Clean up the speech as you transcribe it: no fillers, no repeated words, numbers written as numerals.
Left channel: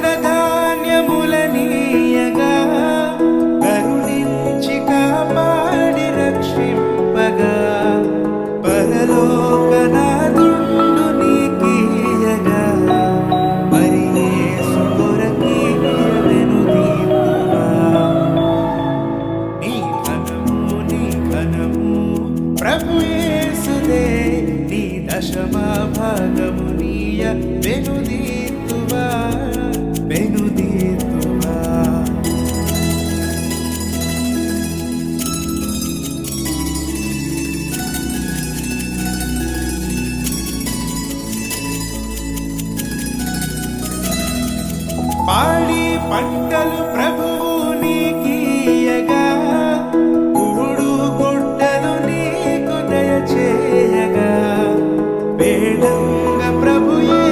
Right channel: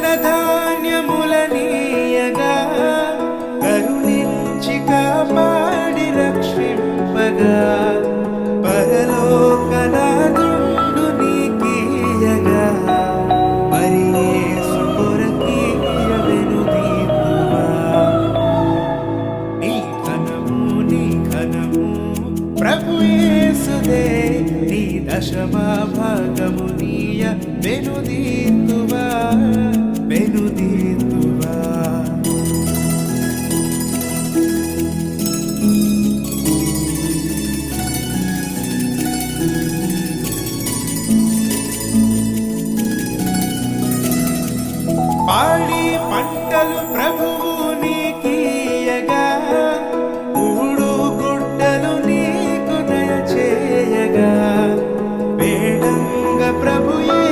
ధనధాన్యములనీయగా కరుణించి కాపాడి రక్షింపగా పరలోకనాథుండు నీకీయగా మరి యేసు కొరకీయ వెనుదీతువా నీ ఘనము ప్రభు యేసుదే నీ దశమా భాగమునీయ వెనుదీతువా వెనుదీతువా పాడి పంటలు ప్రభువు నీకీయగా కూడు గుడ్డలు నీకు దయచేయగా వేడంగ ప్రభుయే